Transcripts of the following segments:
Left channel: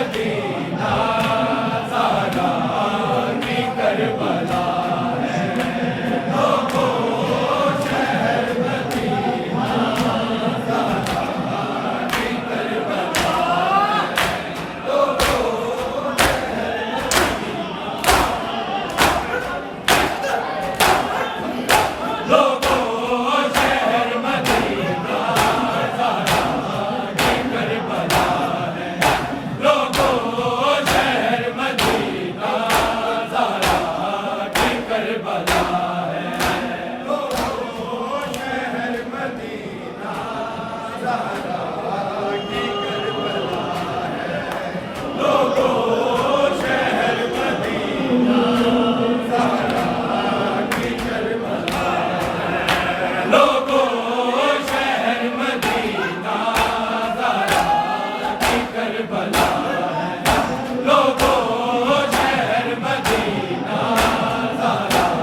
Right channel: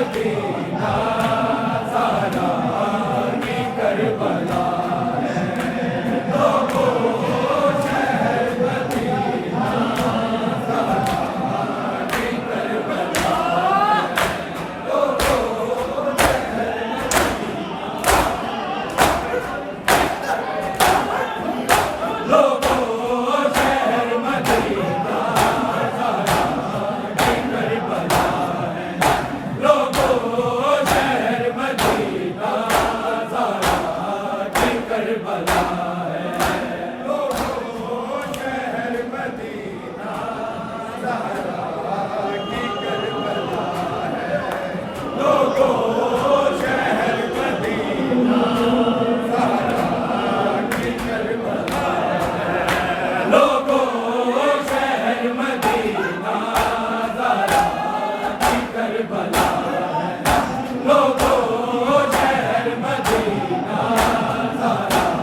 Medina Zahra की Karbala है। लोगों शहर मदीना ज़हरा की करबला है। लोगों शहर मदीना ज़हरा की करबला है। लोगों शहर मदीना ज़हरा की करबला है। लोगों शहर मदीना ज़हरा की करबला है। लोगों शहर मदीना ज़हरा की करबला है। लोगों शहर मदीना ज़हरा की करबला है। लोगों शहर मदीना ज़हरा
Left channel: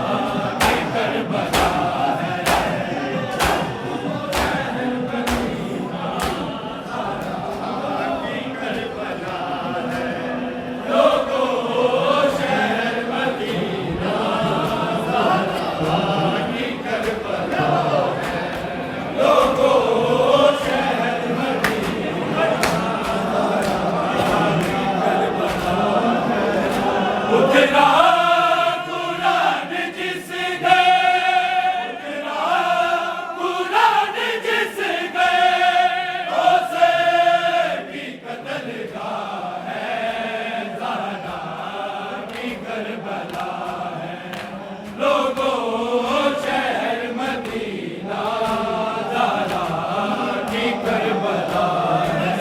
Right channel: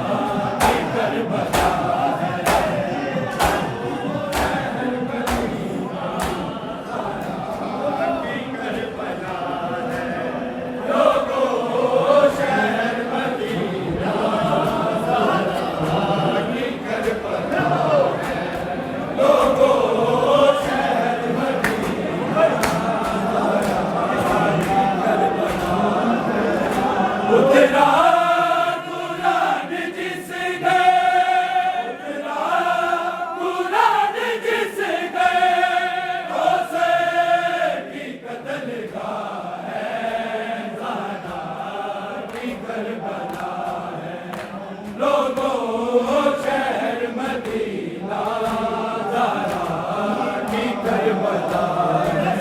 की करबला है। शहर मदीना ज़हरा की करबला है। लोगों शहर मदीना ज़हरा की करबला है। लोगों शहर मदीना ज़हरा की करबला है। उतरा कुरान जिस गए, उतरा कुरान जिस गए, रोज़े की कत्लगाह है। ज़हरा की करबला है। लोगों शहर मदीना ज़हरा की करबला है।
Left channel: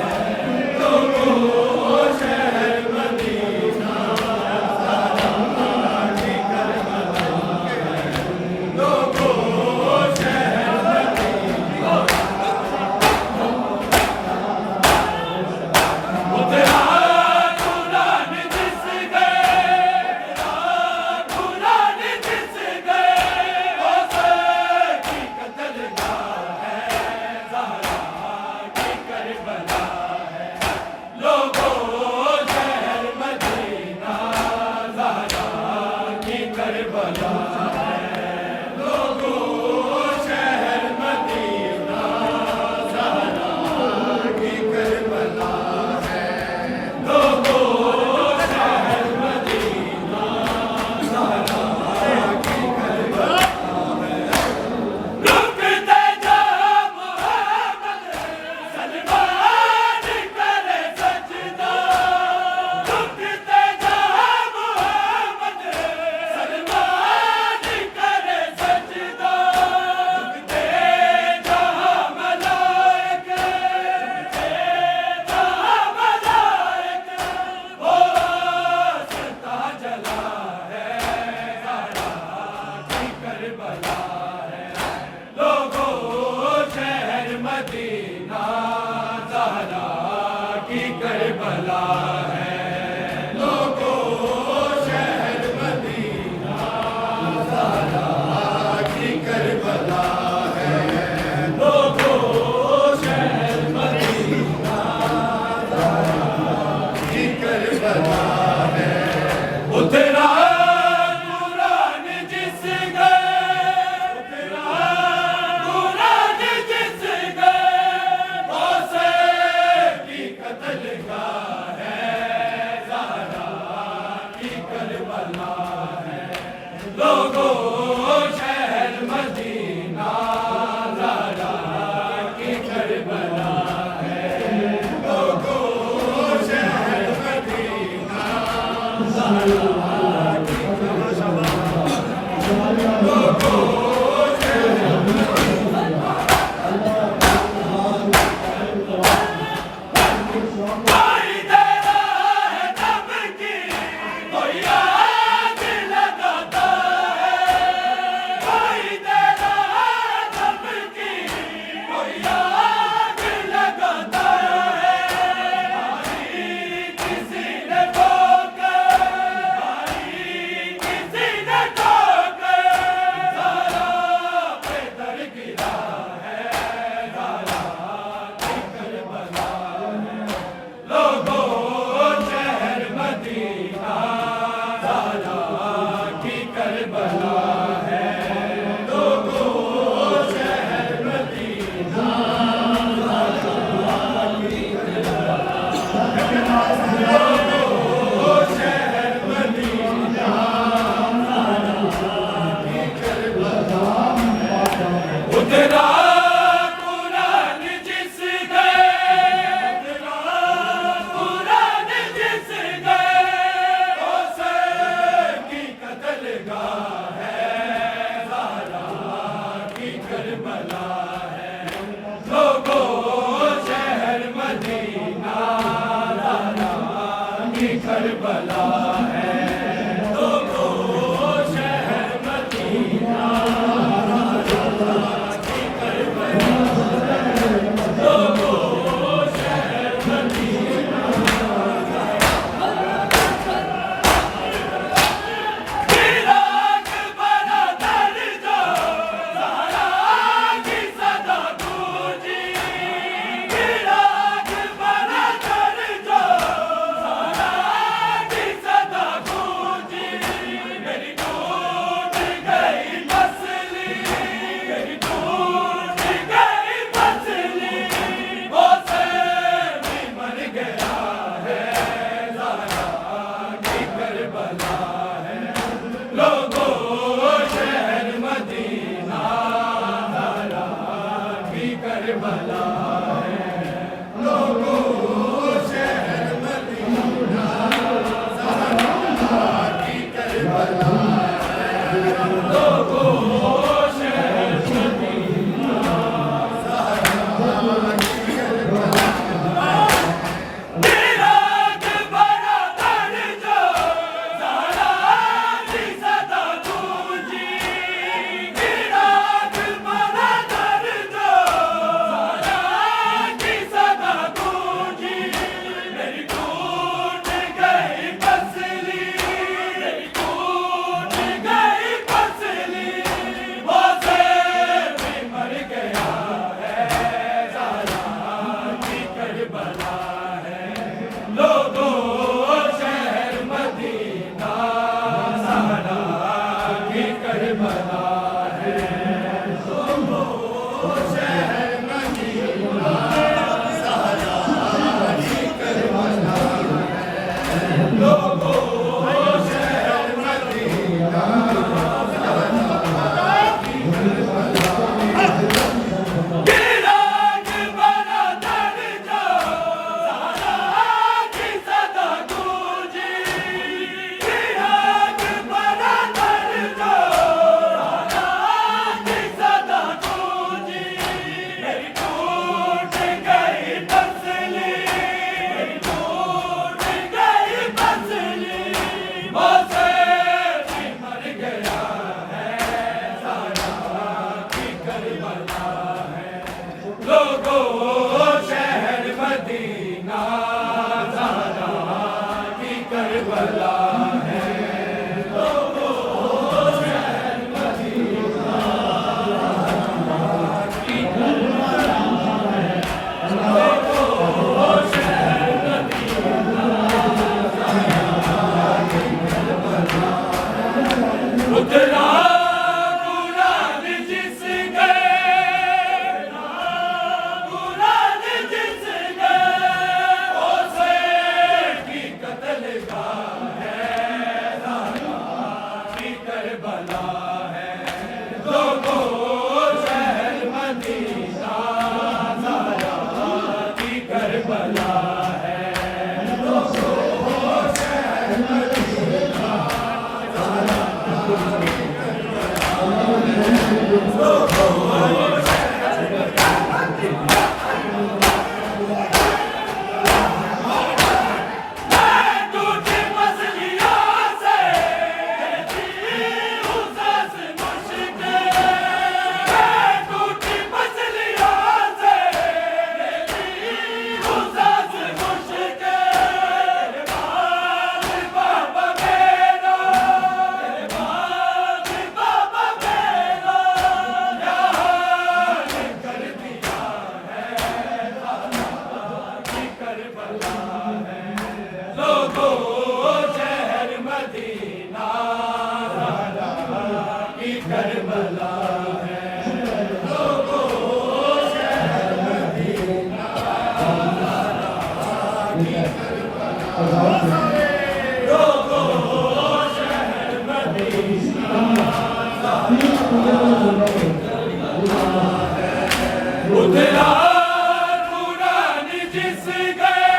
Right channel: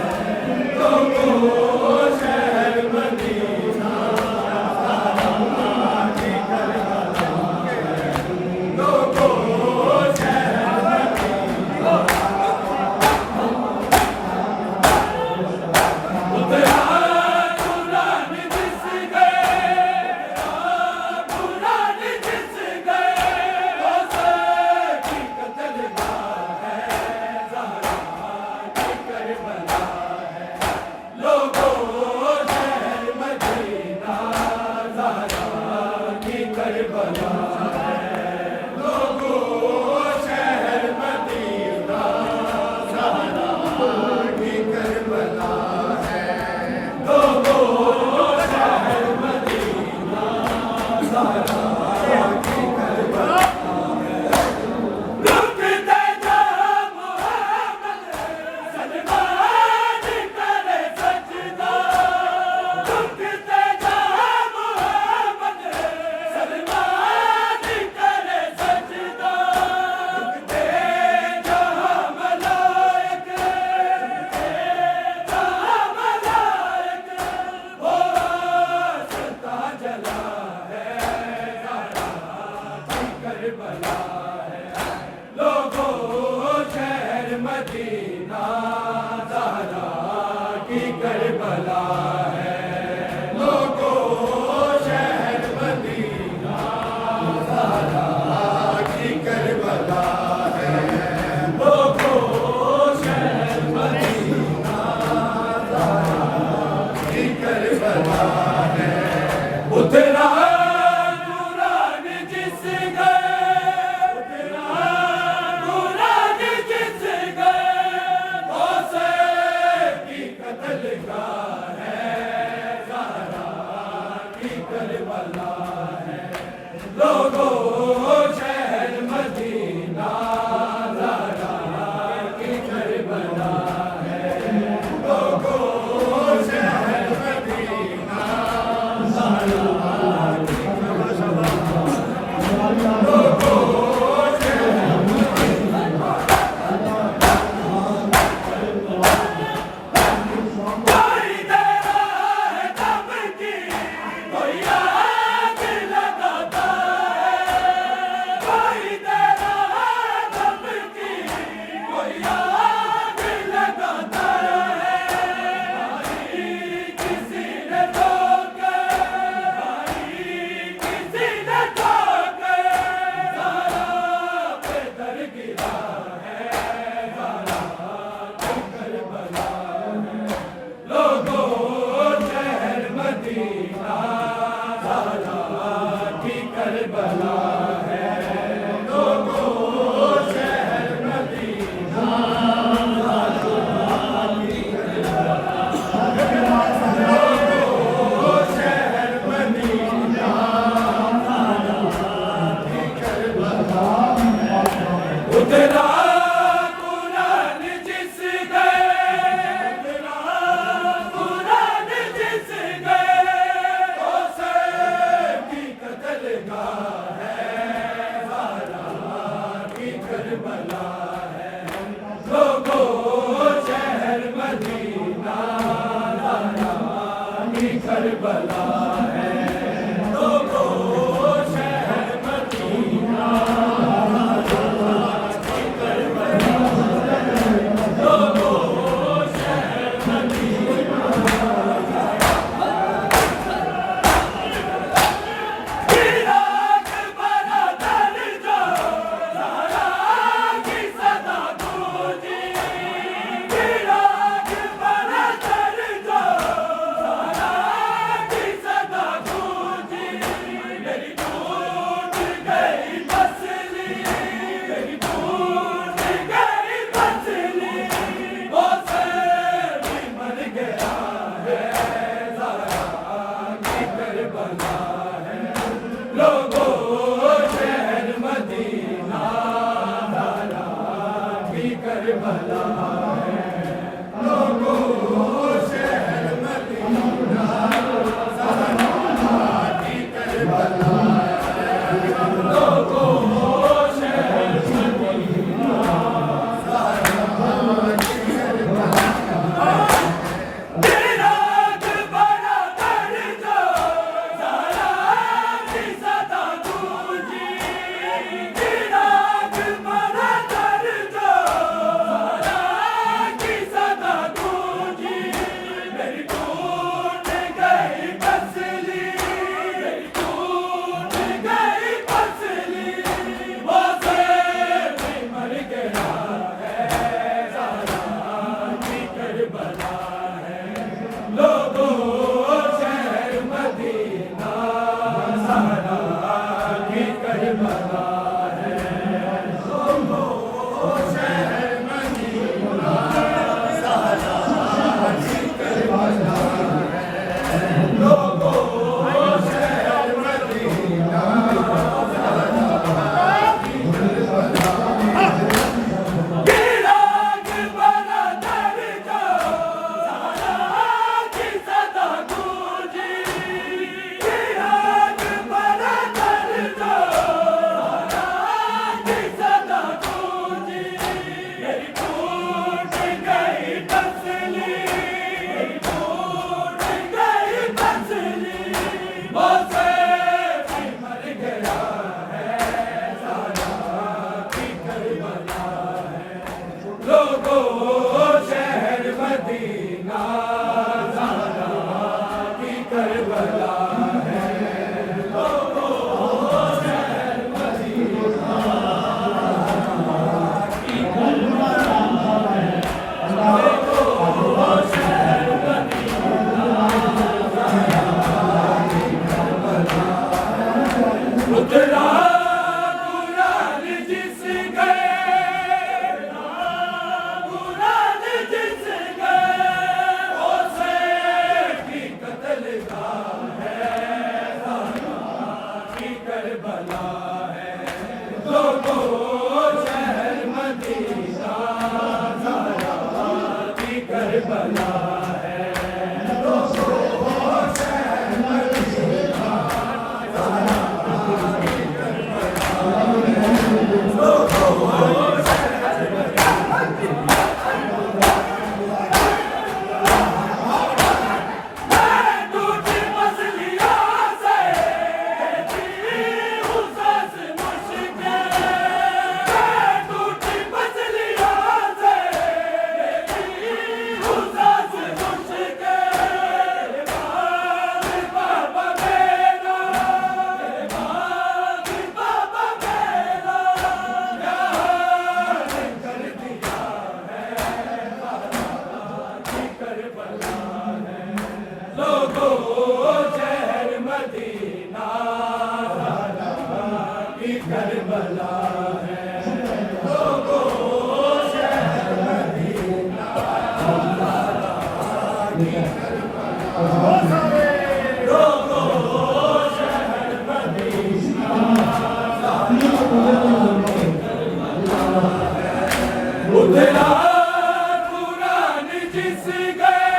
लोगों शहर मदीना ज़हरा की करबला है। लोगों शहर मदीना उतरा कुरान जिस गए, कुरान जिस गए, रोज़े की कत्लगाह है। ज़हरा की करबला है। लोगों शहर मदीना ज़हरा की करबला है। लोगों शहर मदीना ज़हरा की करबला है। लोगों शहर मदीना ज़हरा की करबला है। रुकते जहाँ मोहम्मद सलमान करे सजदा, रुकते जहाँ मोहम्मद सलमान करे सजदा, रुकते जहाँ मलाइक, रुकते जहाँ मलाइक, वो सता जला है। ज़हरा की करबला है। लोगों शहर मदीना ज़हरा की करबला है। लोगों शहर मदीना ज़हरा की करबला है। लोगों शहर मदीना ज़हरा की करबला है। उतरा कुरान जिस गए, उतरा कुरान जिस गए, रोज़े की कत्लगाह है। ज़हरा की करबला है। लोगों शहर मदीना ज़हरा की करबला है। लोगों शहर मदीना ज़हरा करबला है। लोगों शहर मदीना की करबला है। लोगों शहर मदीना इराक बड़ा दर्द ज़हरा की सदा गूंजी। इराक बड़ा दर्द ज़हरा की सदा गूंजी। मेरी टूट गई मसली, मेरी टूट गई मसली, वो से भी मर गया है ज़हरा की करबला है। लोगों शहर मदीना ज़हरा की करबला है। लोगों शहर मदीना ज़हरा की करबला है। लोगों शहर मदीना ज़हरा की करबला है। इराक बड़ा दर्द ज़हरा की सदा गूंजी। इराक बड़ा दर्द ज़हरा की सदा गूंजी। मेरी टूट गई मसली, मेरी टूट गई मसली, वो से भी मर गया है ज़हरा की करबला है। लोगों शहर मदीना ज़हरा की करबला है। लोगों शहर मदीना ज़हरा की करबला है। लोगों शहर मदीना ज़हरा की करबला है। इराक बड़ा दर्द ज़हरा की सदा गूंजी। इराक बड़ा दर्द ज़हरा की सदा गूंजी। मेरी टूट गई मसली, मेरी टूट गई मसली, वो से भी मर गया है ज़हरा की करबला है। लोगों शहर मदीना ज़हरा की करबला है। लोगों शहर मदीना ज़हरा की करबला है। लोगों शहर मदीना ज़हरा की करबला है। उतरा कुरान जिस गए, कुरान जिस गए, उसे की कत्लगाह है ज़हरा की करबला है। लोगों शहर मदीना ज़हरा की करबला है। लोगों शहर मदीना ज़हरा की करबला है। लोगों मैं टूटी मसलियों से कहती हूँ सांस मुश्किल। मैं टूटी मसलियों से कहती हूँ सांस मुश्किल। बाबा मेरा, बाबा मेरा यार कर दिया है ज़हरा की करबला है। लोगों शहर मदीना ज़हरा की करबला है। लोगों शहर मदीना ज़हरा की करबला है। लोगों शहर मदीना ज़हरा की करबला है। उतरा कुरान जिस गए,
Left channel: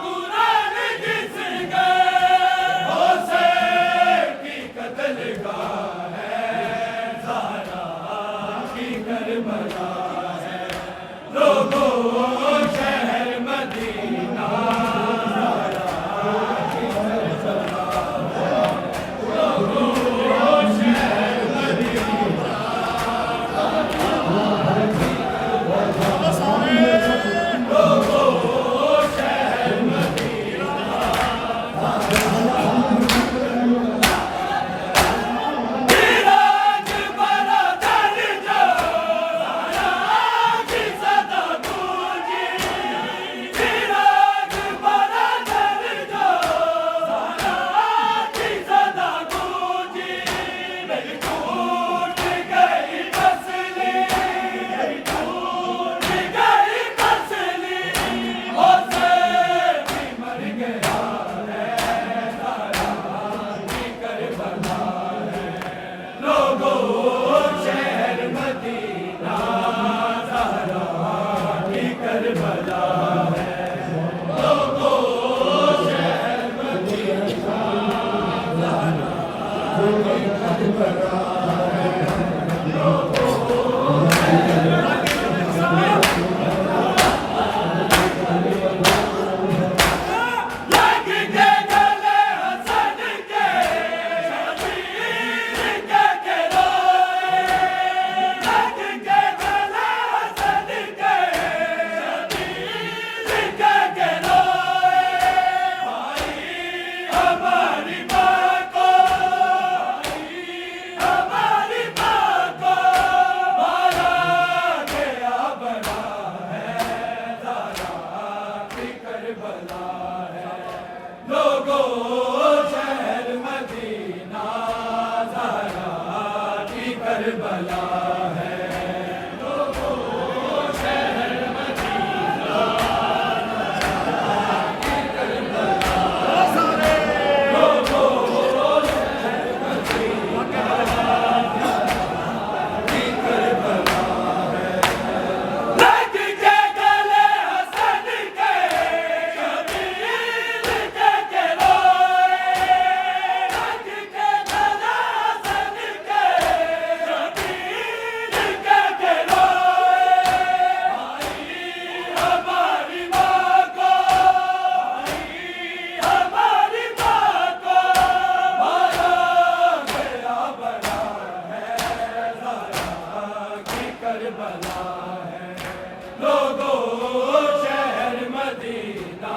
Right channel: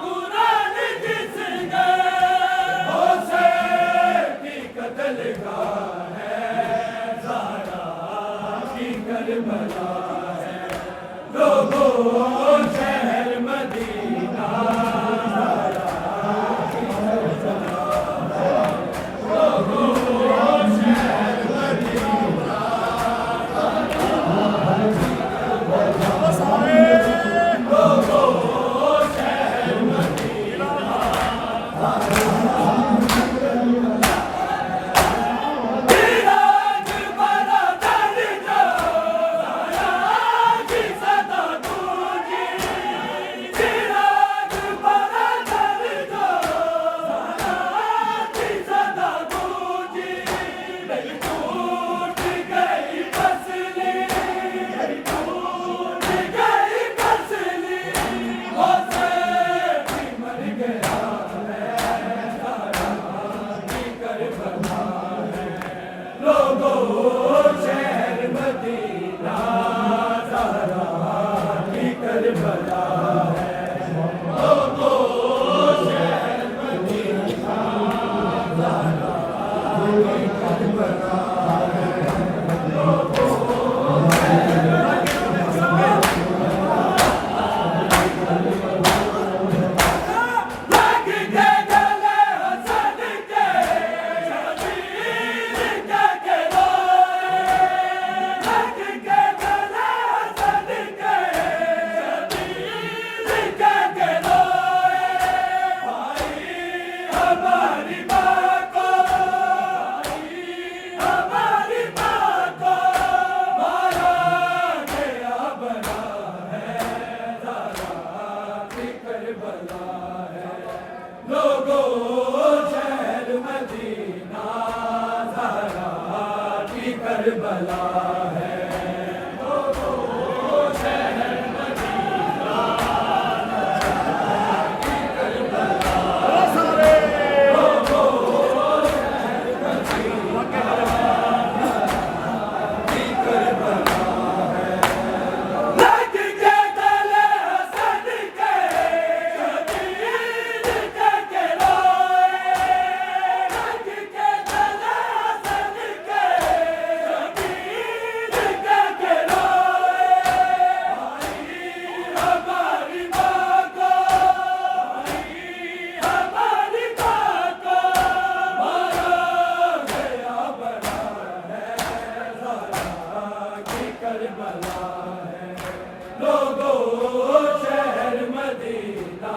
कुरान जिस गए, उसे की कत्लगाह है ज़हरा की करबला है। लोगों शहर मदीना करबला है। लग के गले हसन के शबीर के रोए, लग के गले हसन के शबीर के रोए। भाई हमारी माँ को, हमारी माँ को मारा गया बना है, ज़हरा की करबला है। लोगों शहर मदीना ज़हरा की करबला है। लोगों शहर मदीना ज़हरा की करबला है। लोगों शहर मदीना की करबला है। लग के गले हसन के शबीर के रोए, लग के गले हसन के शबीर के रोए। भाई हमारी माँ को, भाई हमारी माँ को मारा गया बना है, ज़हरा की करबला है। लोगों शहर मदीना